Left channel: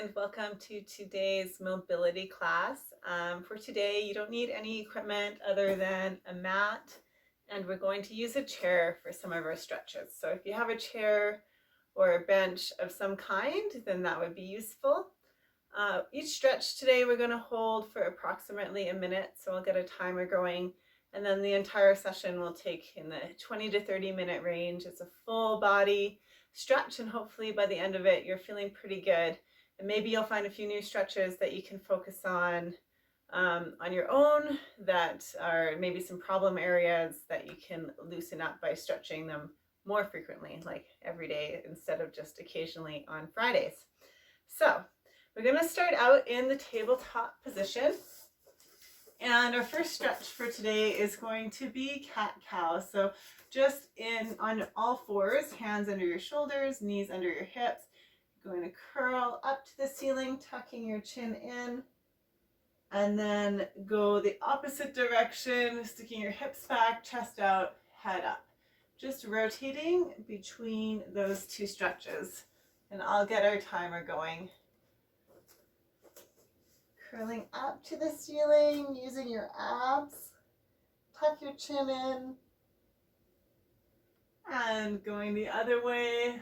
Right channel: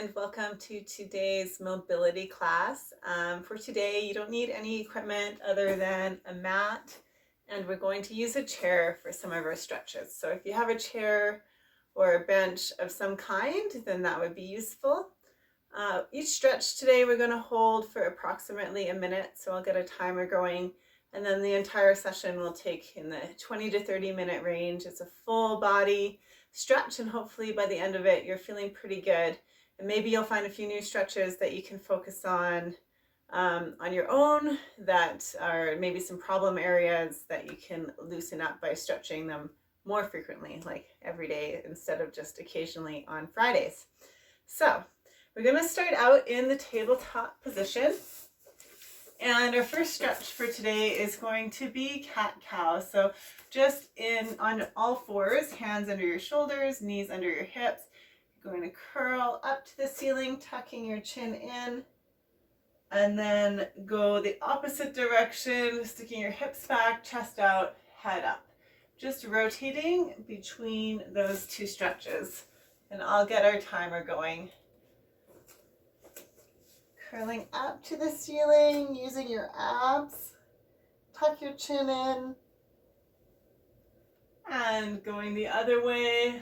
and welcome to today's mobility class. For today, you don't need any equipment other than a mat, and we're going to use a chair for some of our stretches. So if you have a chair or a bench of some kind, then that would be useful. Each stretch today we're going to hold for approximately a minute, so I'll get a timer going, and then the entire session will take in the 20 to 30 minute range. It's a full body stretch, and hopefully by the end of it you're feeling pretty good, and maybe you'll find a few new stretches that you can focus on your own, that are maybe some problem areas that you can loosen up by stretching them more frequently, like every day instead of just occasionally on Fridays. So we're going to start out in the tabletop position, and our first stretch for today is going to be cat-cow. So just on all fours, hands under your shoulders, knees under your hips. You're going to curl up to the ceiling, tucking your chin in, and then go the opposite direction, sticking your hips back, chest out, head up. Just rotating between those two stretches, and I'll get our timer going. Curling up to the ceiling, using your abs, tuck your chin in, and going the other way.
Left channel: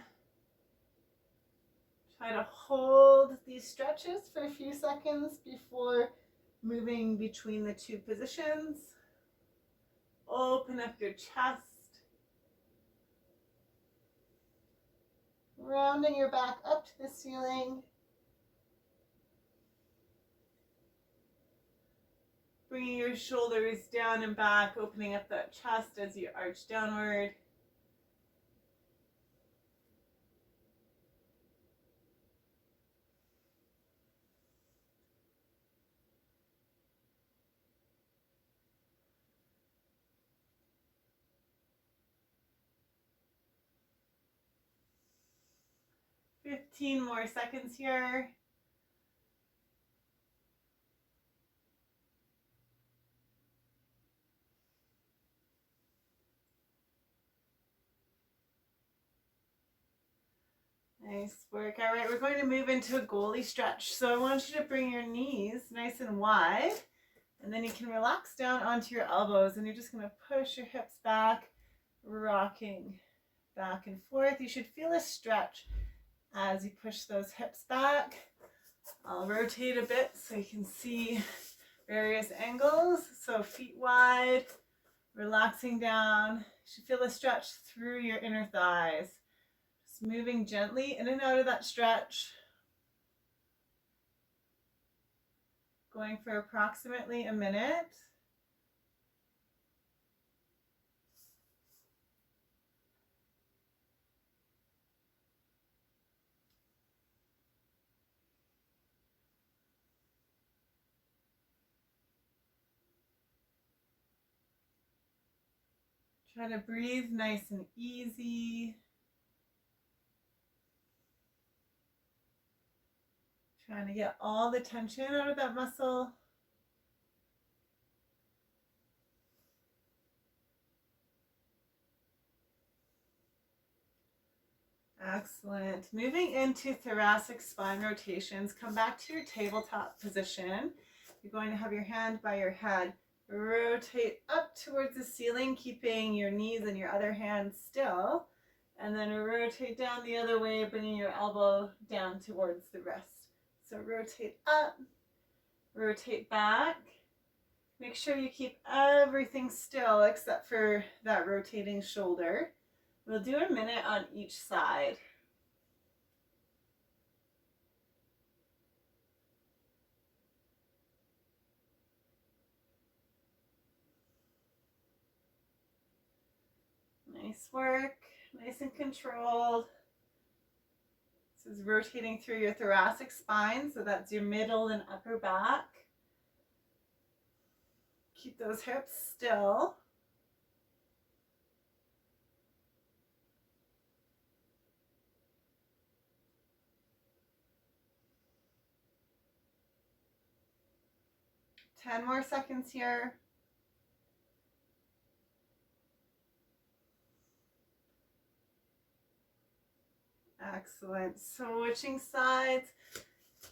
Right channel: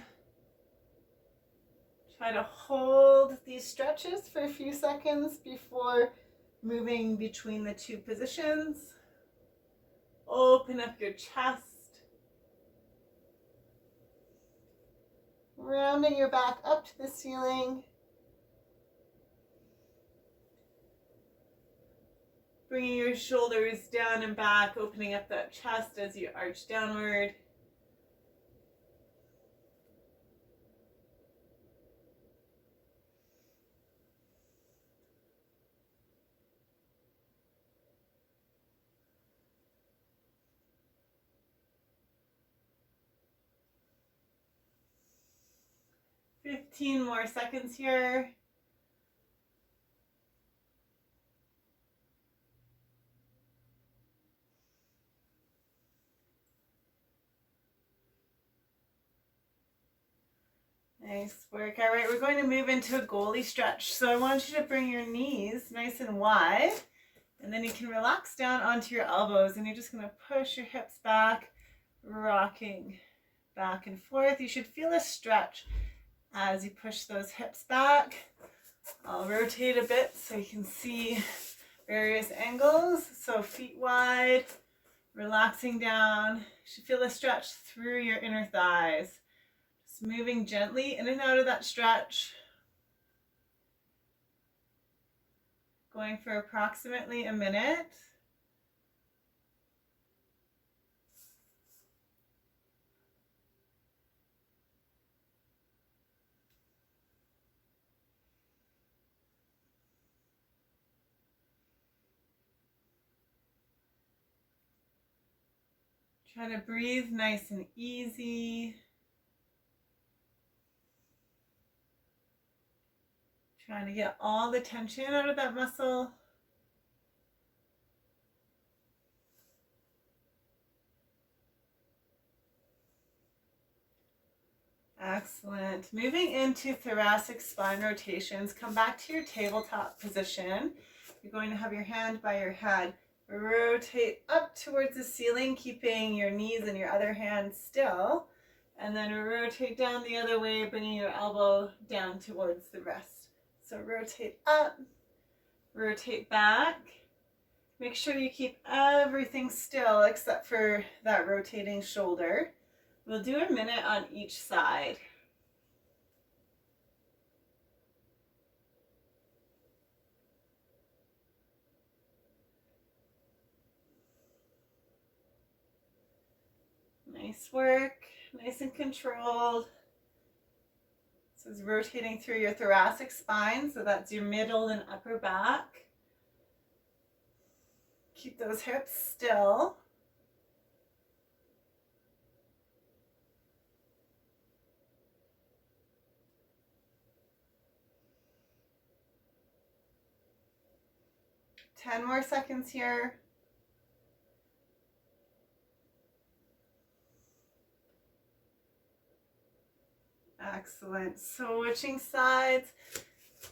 Try to hold these stretches for a few seconds before moving between the two positions. Open up your chest. Rounding your back up to the ceiling. Bringing your shoulders down and back, opening up that chest as you arch downward. Fifteen more seconds here. Nice work. All right, we're going to move into a goalie stretch. So I want you to bring your knees nice and wide, and then you can relax down onto your elbows, and you're just going to push your hips back, rocking back and forth. You should feel a stretch as you push those hips back. I'll rotate a bit so you can see various angles. So feet wide, relaxing down. You should feel a stretch through your inner thighs. Moving gently in and out of that stretch. Going for approximately a minute. Try to breathe nice and easy. Trying to get all the tension out of that muscle. Excellent. Moving into thoracic spine rotations. Come back to your tabletop position. You're going to have your hand by your head. Rotate up towards the ceiling, keeping your knees and your other hand still. And then rotate down the other way, bringing your elbow down towards the wrist. So rotate up, rotate back. Make sure you keep everything still except for that rotating shoulder. We'll do a minute on each side. Nice work, nice and controlled. This is rotating through your thoracic spine, so that's your middle and upper back. Keep those hips still. Ten more seconds here. Excellent. Switching sides.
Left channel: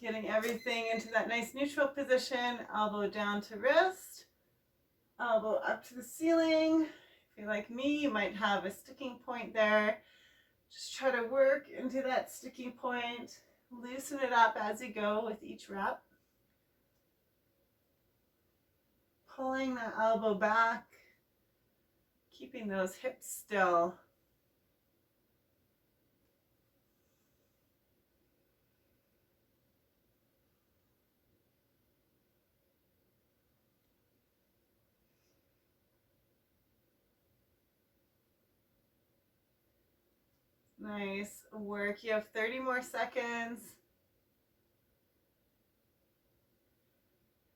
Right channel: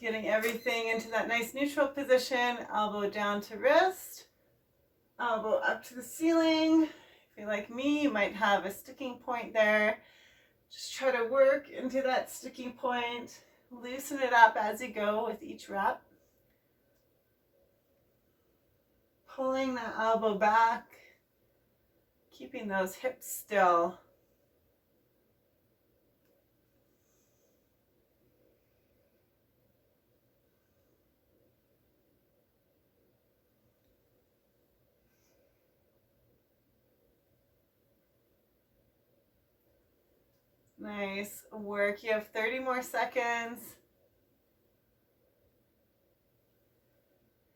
Getting everything into that nice neutral position, elbow down to wrist, elbow up to the ceiling. If you're like me, you might have a sticking point there. Just try to work into that sticking point. Loosen it up as you go with each rep. Pulling that elbow back, keeping those hips still. Nice work. You have 30 more seconds.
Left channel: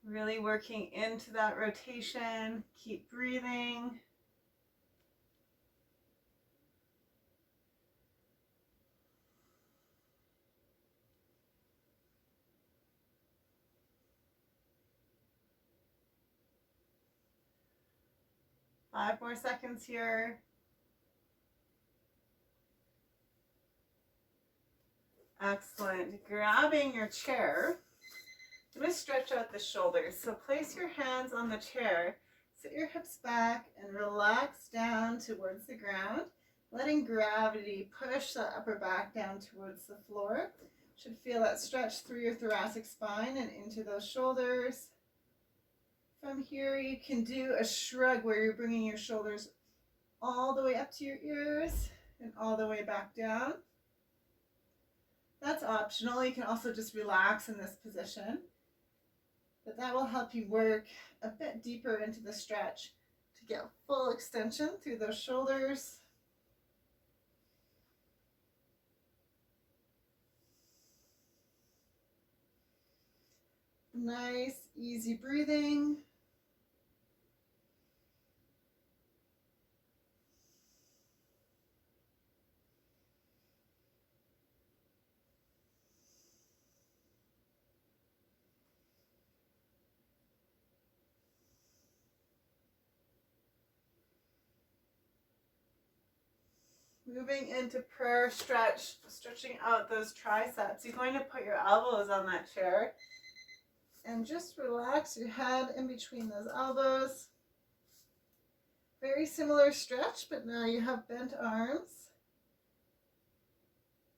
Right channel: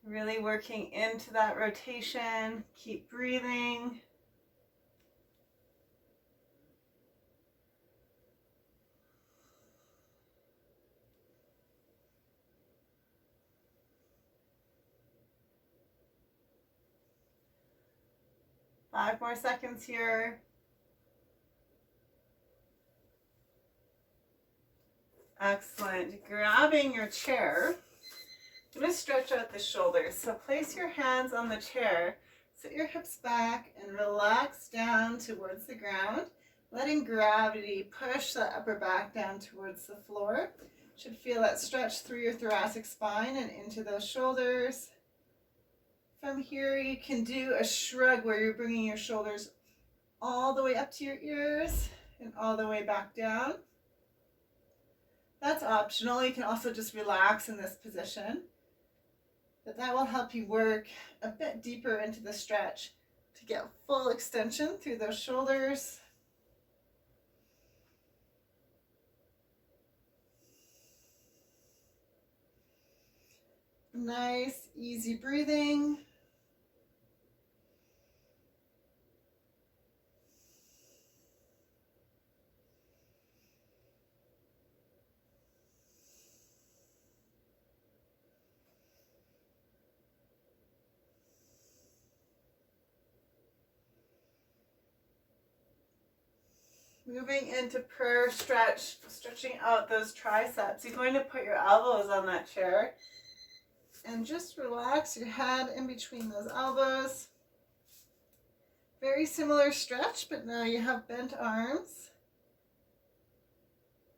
Really working into that rotation. Keep breathing. Five more seconds here. Excellent. Grabbing your chair. I'm going to stretch out the shoulders. So place your hands on the chair, sit your hips back, and relax down towards the ground, letting gravity push the upper back down towards the floor. Should feel that stretch through your thoracic spine and into those shoulders. From here, you can do a shrug where you're bringing your shoulders all the way up to your ears and all the way back down. That's optional. You can also just relax in this position. But that will help you work a bit deeper into the stretch to get full extension through those shoulders. Nice, easy breathing. Moving into prayer stretch, stretching out those triceps. You're going to put your elbows on that chair and just relax your head in between those elbows. Very similar stretch, but now you have bent arms.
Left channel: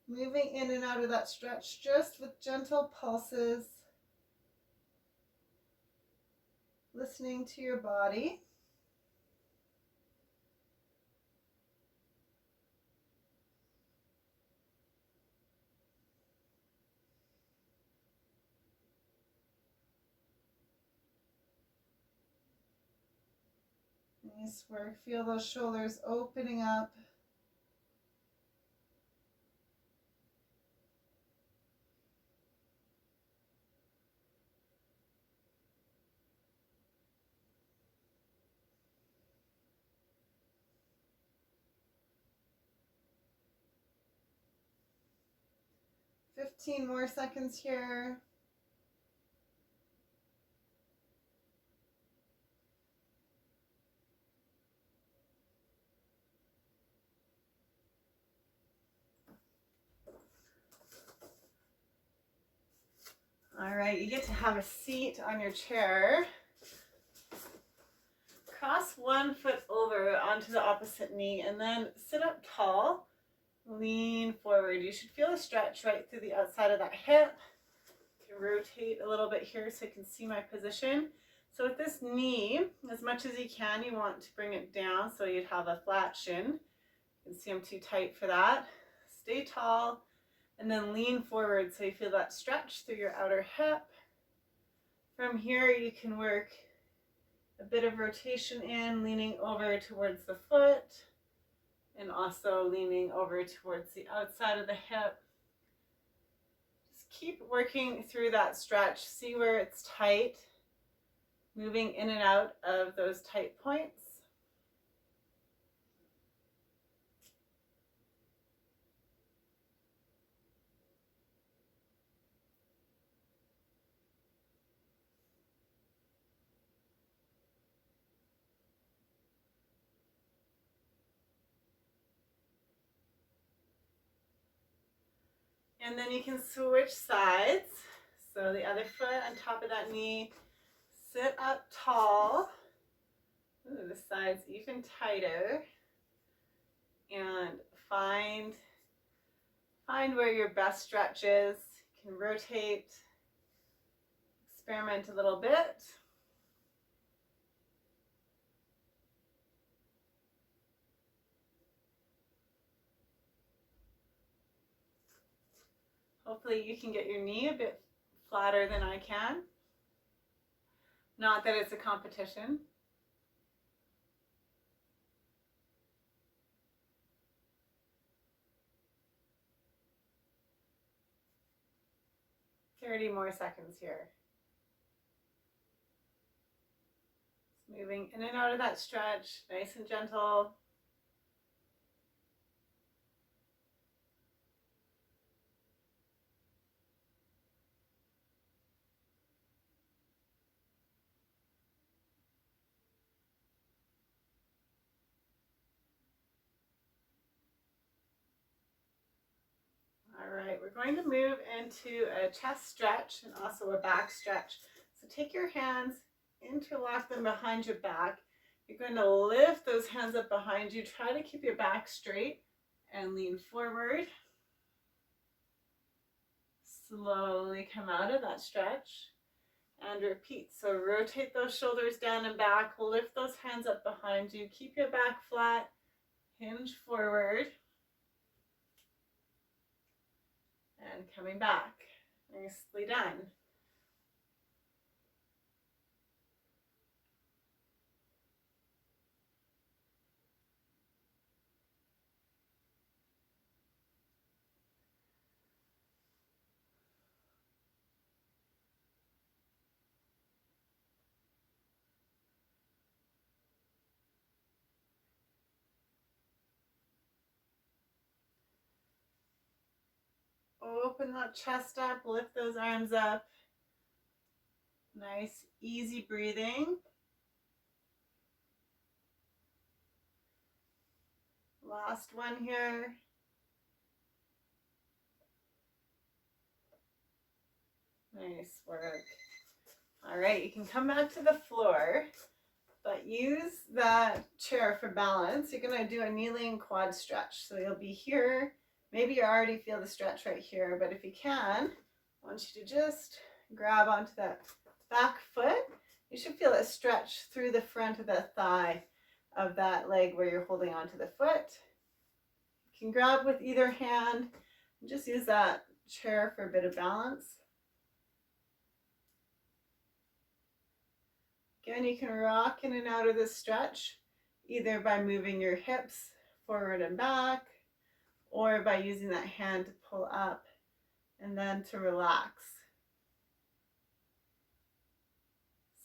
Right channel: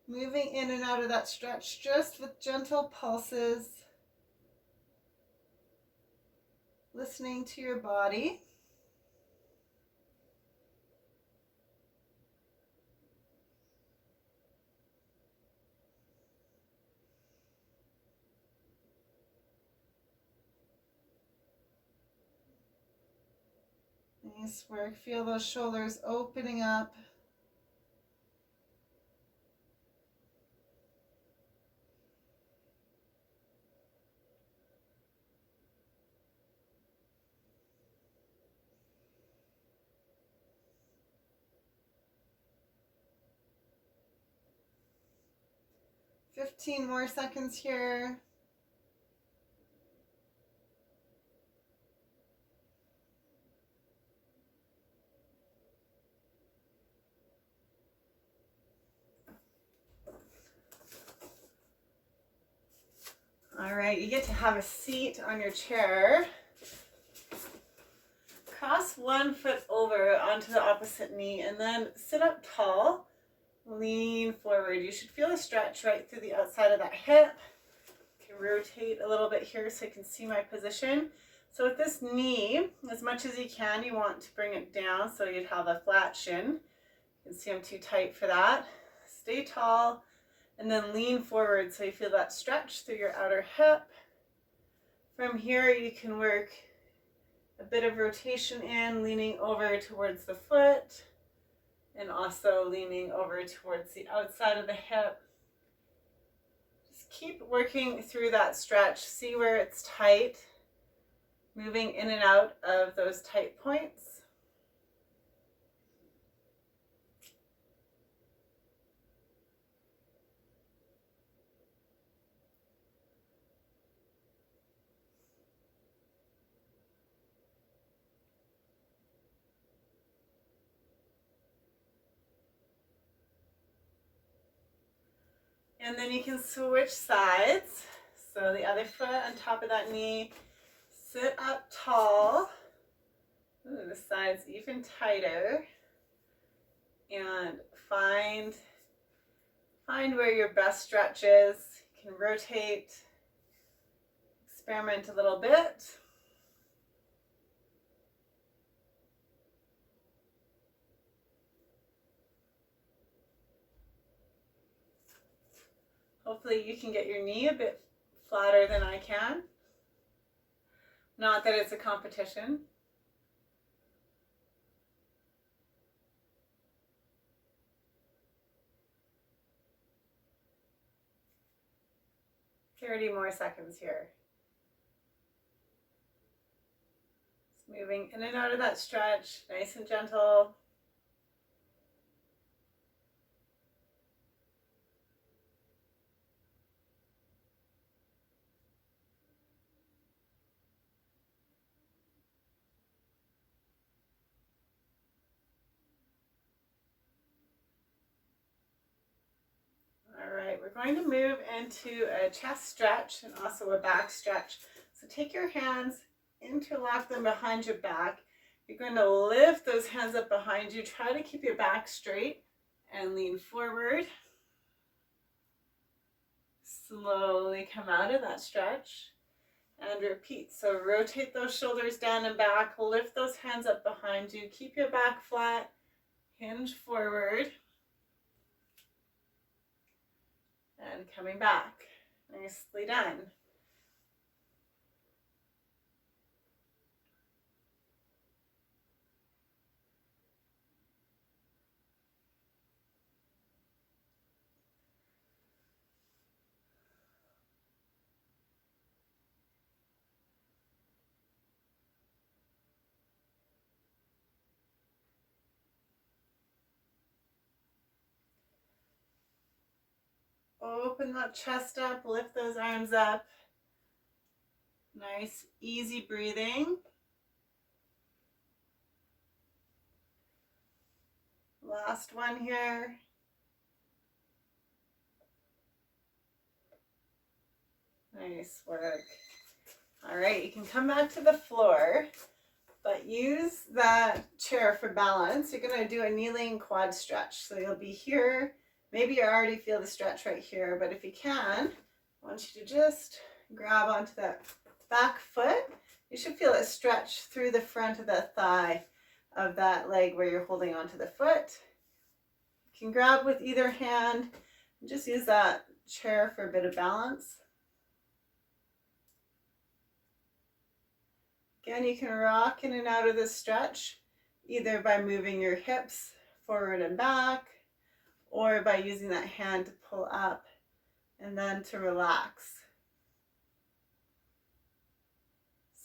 Moving in and out of that stretch just with gentle pulses. Listening to your body. Nice work. Feel those shoulders opening up. Fifteen more seconds here. All right, you get to have a seat on your chair. Cross one foot over onto the opposite knee and then sit up tall. Lean forward. You should feel a stretch right through the outside of that hip. You can rotate a little bit here so you can see my position. So with this knee, as much as you can, you want to bring it down so you'd have a flat shin. You can see I'm too tight for that. Stay tall and then lean forward so you feel that stretch through your outer hip. From here, you can work a bit of rotation in, leaning over towards the foot and also leaning over towards the outside of the hip. Just keep working through that stretch. See where it's tight, moving in and out of those tight points. And then you can switch sides. So the other foot on top of that knee, sit up tall. Ooh, the side's even tighter. And find where your best stretch is. You can rotate, experiment a little bit. Hopefully you can get your knee a bit flatter than I can. Not that it's a competition. "30 more seconds here." Just moving in and out of that stretch, nice and gentle. All right, we're going to move into a chest stretch and also a back stretch. So take your hands, interlock them behind your back. You're going to lift those hands up behind you. Try to keep your back straight and lean forward. Slowly come out of that stretch and repeat. So rotate those shoulders down and back, lift those hands up behind you, keep your back flat, hinge forward, and coming back. Nicely done. Open that chest up, lift those arms up. Nice, easy breathing. Last one here. Nice work. All right, you can come back to the floor, but use that chair for balance. You're going to do a kneeling quad stretch. So you'll be here. Maybe you already feel the stretch right here, but if you can, I want you to just grab onto that back foot. You should feel a stretch through the front of the thigh of that leg where you're holding onto the foot. You can grab with either hand and just use that chair for a bit of balance. Again, you can rock in and out of this stretch, either by moving your hips forward and back, or by using that hand to pull up and then to relax.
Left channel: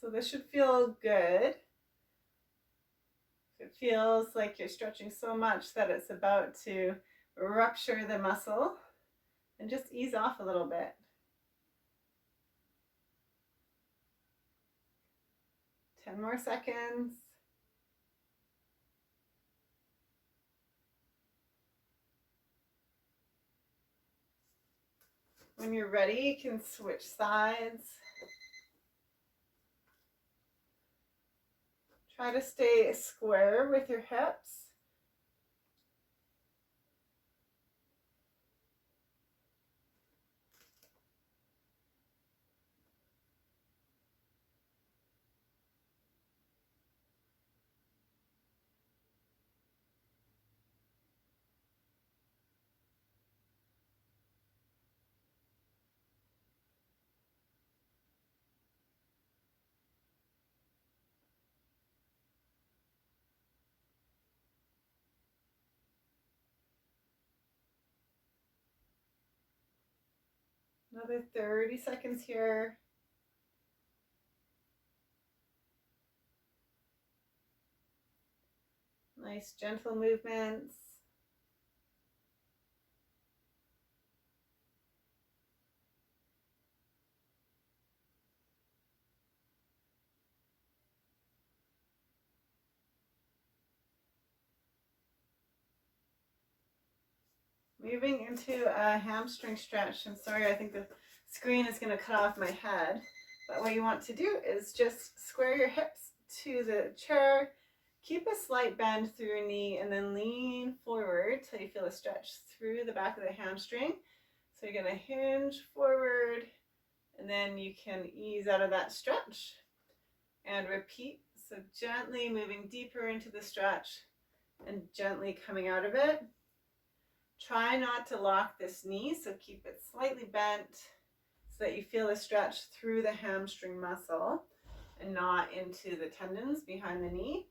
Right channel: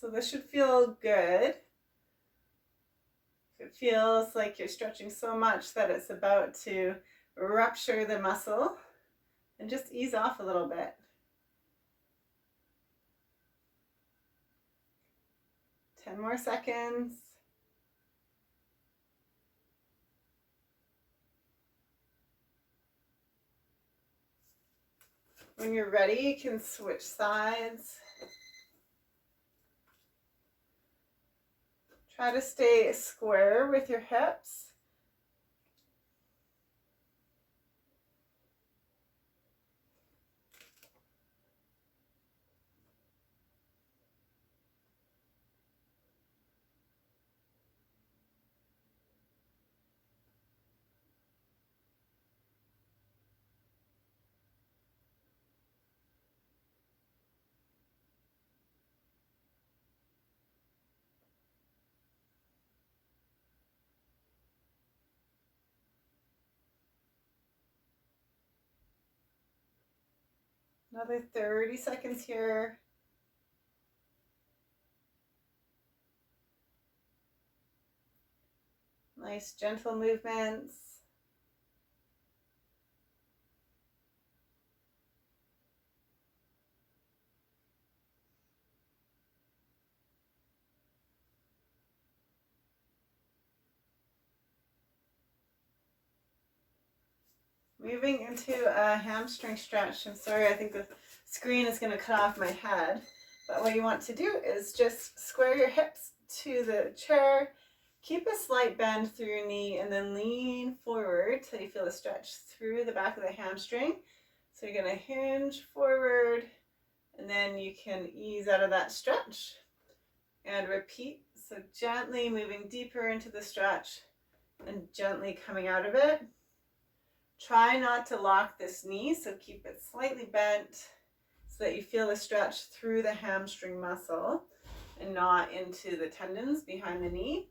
So this should feel good. If it feels like you're stretching so much that it's about to rupture the muscle, and just ease off a little bit. Ten more seconds. When you're ready, you can switch sides. Try to stay square with your hips. Another 30 seconds here. Nice gentle movements. Moving into a hamstring stretch. I'm sorry, I think the screen is going to cut off my head. But what you want to do is just square your hips to the chair. Keep a slight bend through your knee and then lean forward till you feel a stretch through the back of the hamstring. So you're going to hinge forward and then you can ease out of that stretch and repeat. So gently moving deeper into the stretch and gently coming out of it. Try not to lock this knee, so keep it slightly bent so that you feel a stretch through the hamstring muscle and not into the tendons behind the knee.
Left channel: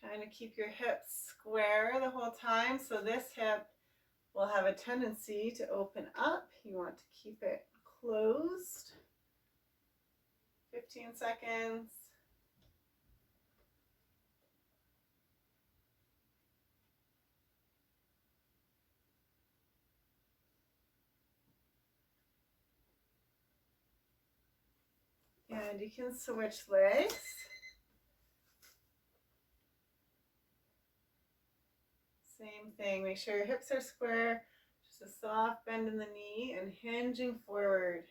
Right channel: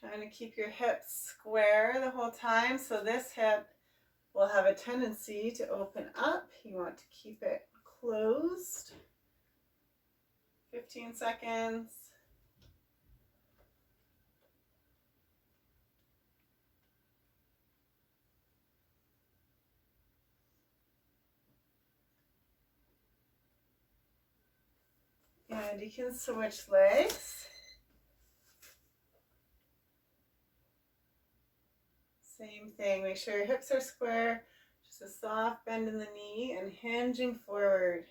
Trying to keep your hips square the whole time, so this hip will have a tendency to open up. You want to keep it closed. 15 seconds. And you can switch legs. Same thing, make sure your hips are square, just a soft bend in the knee and hinging forward.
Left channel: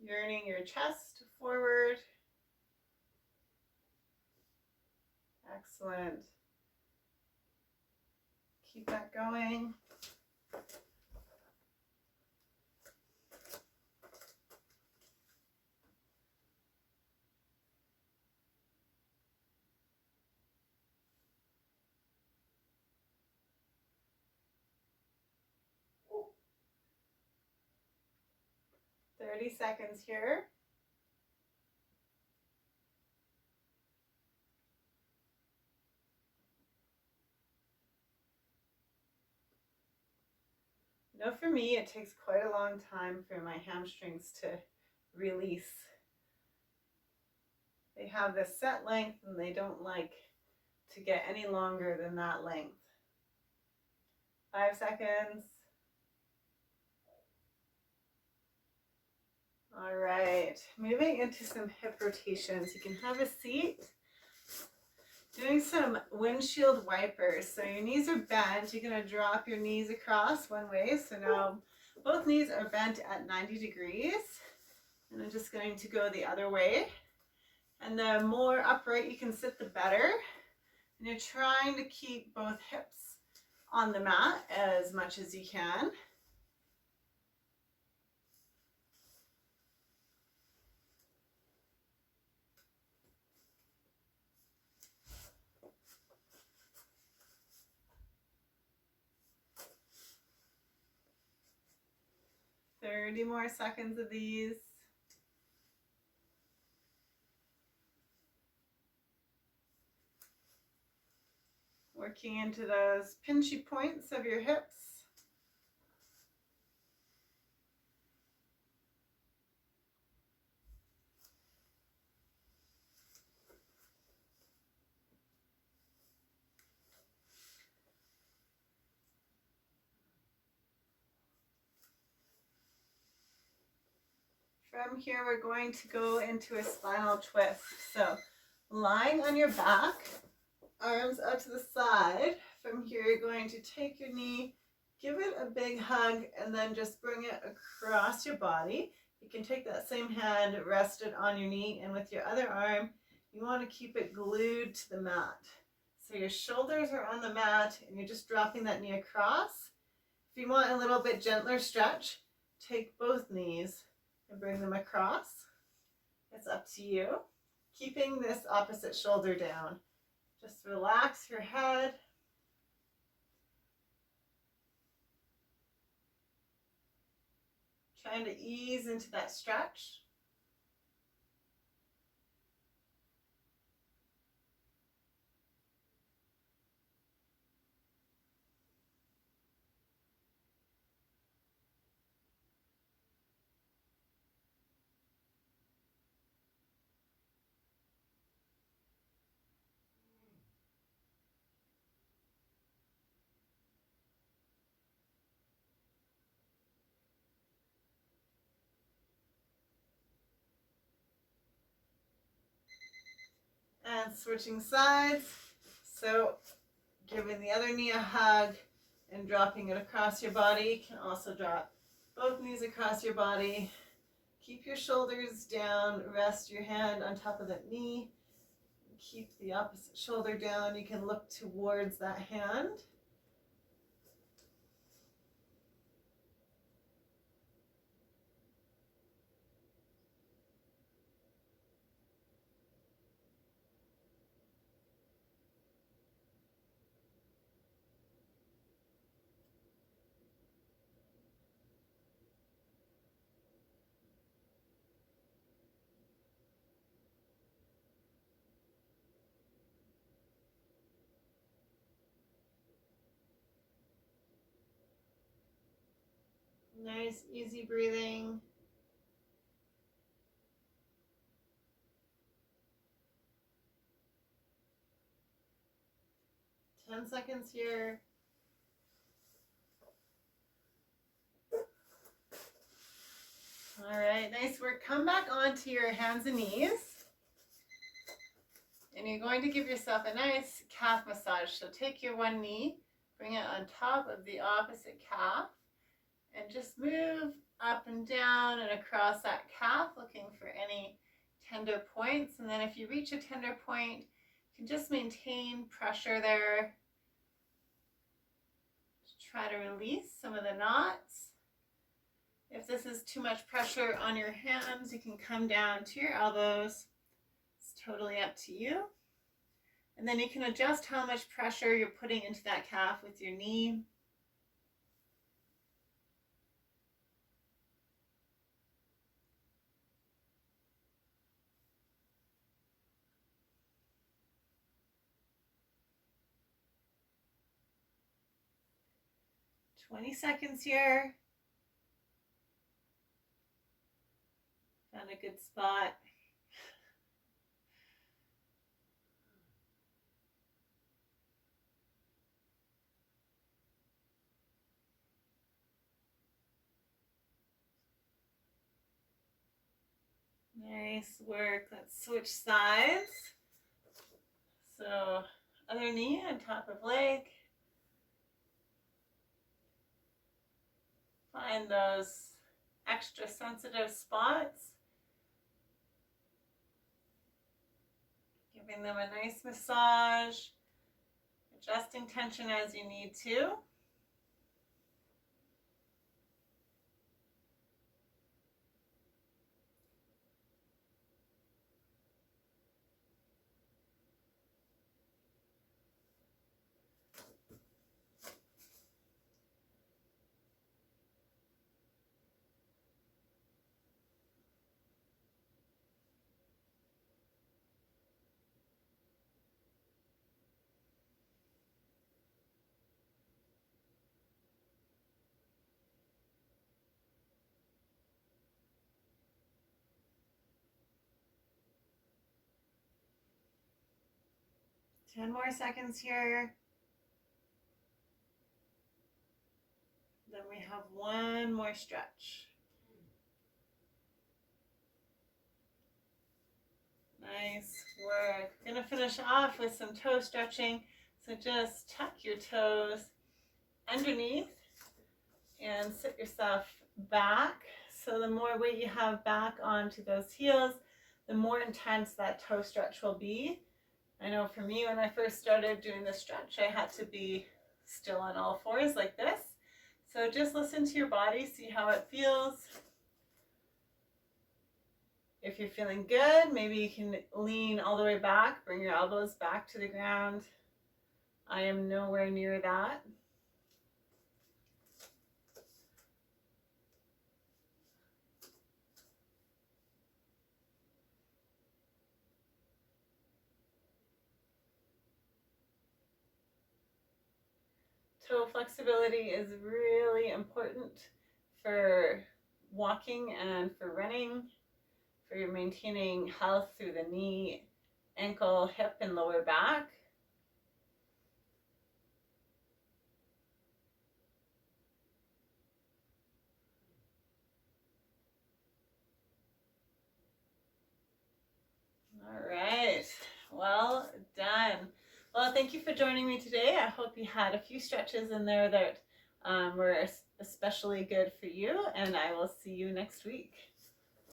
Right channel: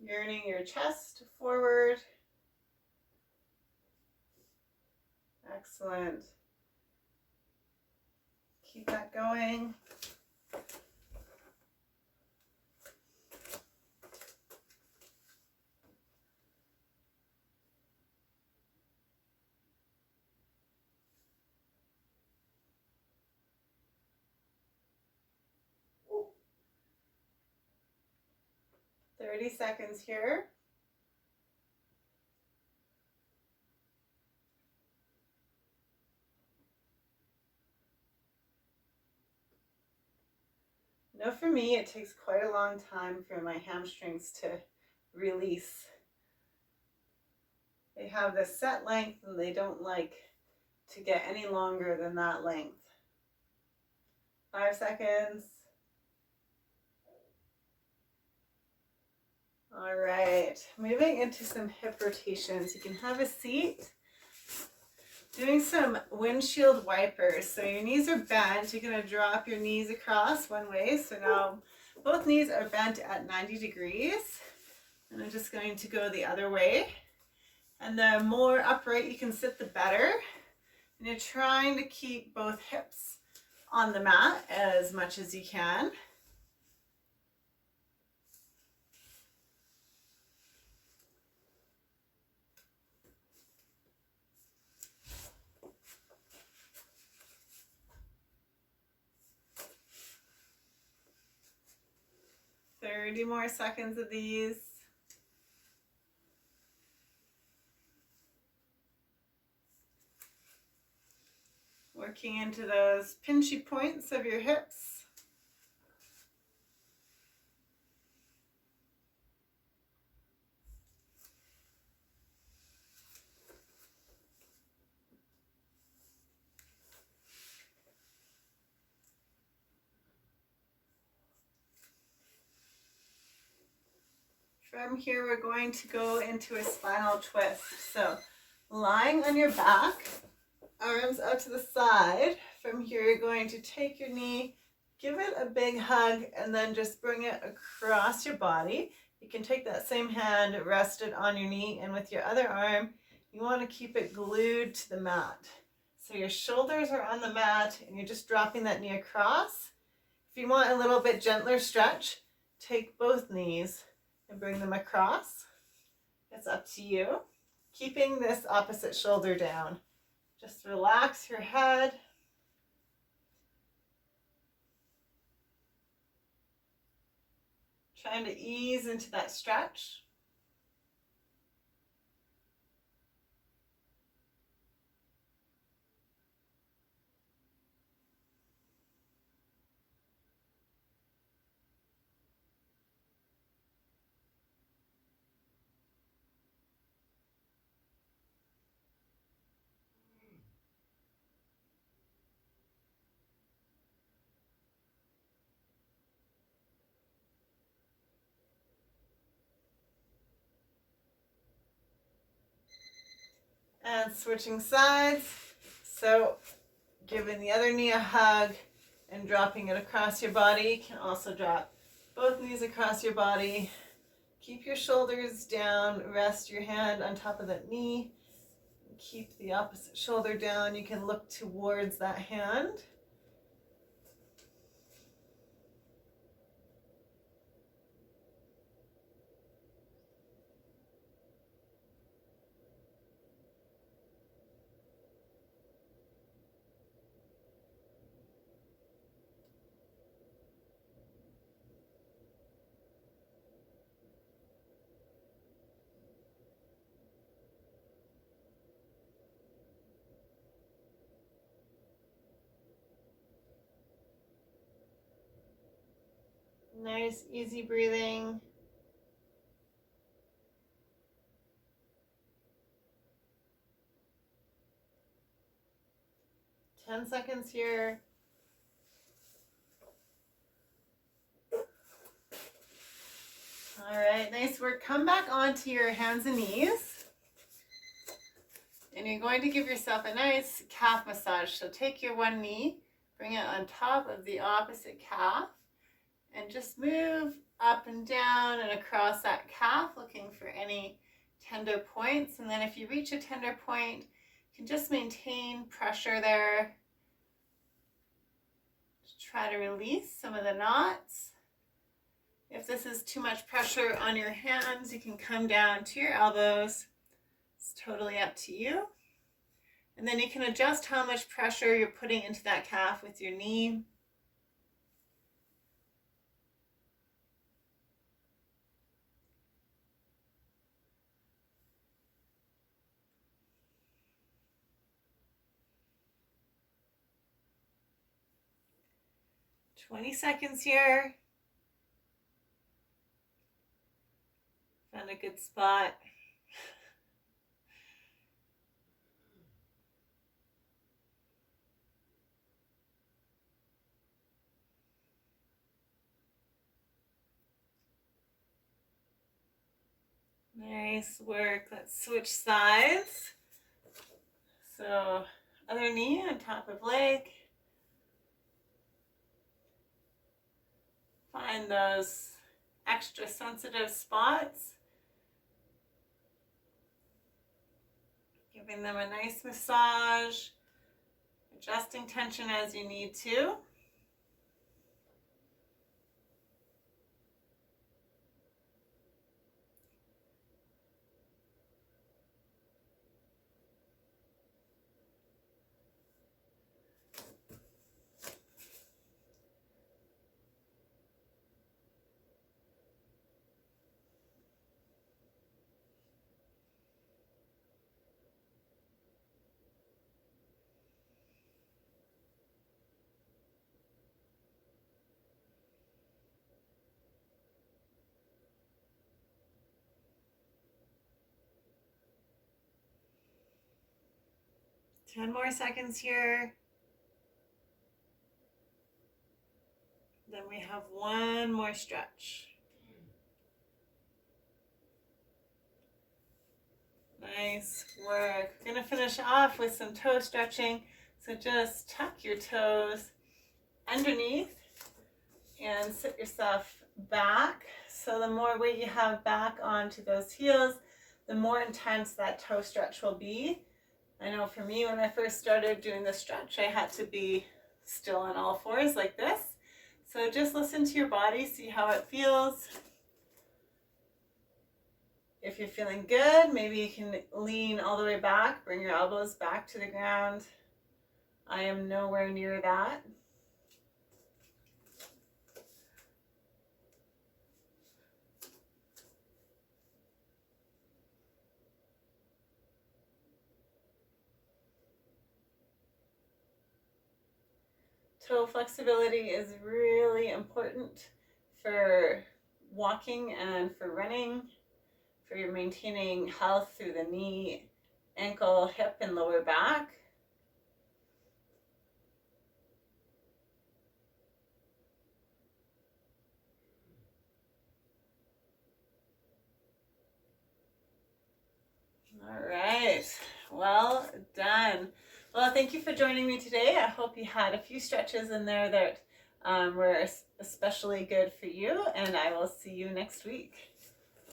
Yearning your chest forward. Excellent. Keep that going. "30 seconds here. Now for me, it takes quite a long time for my hamstrings to release. They have this set length and they don't like to get any longer than that length. 5 seconds. All right, moving into some hip rotations. You can have a seat. Doing some windshield wipers. So your knees are bent. You're going to drop your knees across one way. So now both knees are bent at 90 degrees. And I'm just going to go the other way. And the more upright you can sit, the better. And you're trying to keep both hips on the mat as much as you can. "30 more seconds of these. Working into those pinchy points of your hips. From here, we're going to go into a spinal twist. So lying on your back, arms out to the side. From here, you're going to take your knee, give it a big hug, and then just bring it across your body. You can take that same hand, rest it on your knee, and with your other arm, you want to keep it glued to the mat. So your shoulders are on the mat, and you're just dropping that knee across. If you want a little bit gentler stretch, take both knees and bring them across. It's up to you. Keeping this opposite shoulder down. Just relax your head. Trying to ease into that stretch. And switching sides. So giving the other knee a hug and dropping it across your body. You can also drop both knees across your body. Keep your shoulders down. Rest your hand on top of that knee. Keep the opposite shoulder down. You can look towards that hand. Nice, easy breathing. Ten seconds here. All right, nice work. Come back onto your hands and knees. And you're going to give yourself a nice calf massage. So take your one knee, bring it on top of the opposite calf, and just move up and down and across that calf, looking for any tender points. And then if you reach a tender point, you can just maintain pressure there. Try to release some of the knots. If this is too much pressure on your hands, you can come down to your elbows. It's totally up to you. And then you can adjust how much pressure you're putting into that calf with your knee. "20 seconds here." Found a good spot. Nice work. Let's switch sides. So other knee on top of leg. Find those extra sensitive spots. Giving them a nice massage. Adjusting tension as you need to. Ten more seconds here. Then we have one more stretch. Nice work. We're going to finish off with some toe stretching. So just tuck your toes underneath and sit yourself back. So the more weight you have back onto those heels, the more intense that toe stretch will be. I know for me, when I first started doing the stretch, I had to be still on all fours like this. So just listen to your body, see how it feels. If you're feeling good, maybe you can lean all the way back, bring your elbows back to the ground. I am nowhere near that. Toe flexibility is really important for walking and for running, for maintaining health through the knee, ankle, hip, and lower back. All right, Well done. Well, thank you for joining me today. I hope you had a few stretches in there that were especially good for you, and I will see you next week.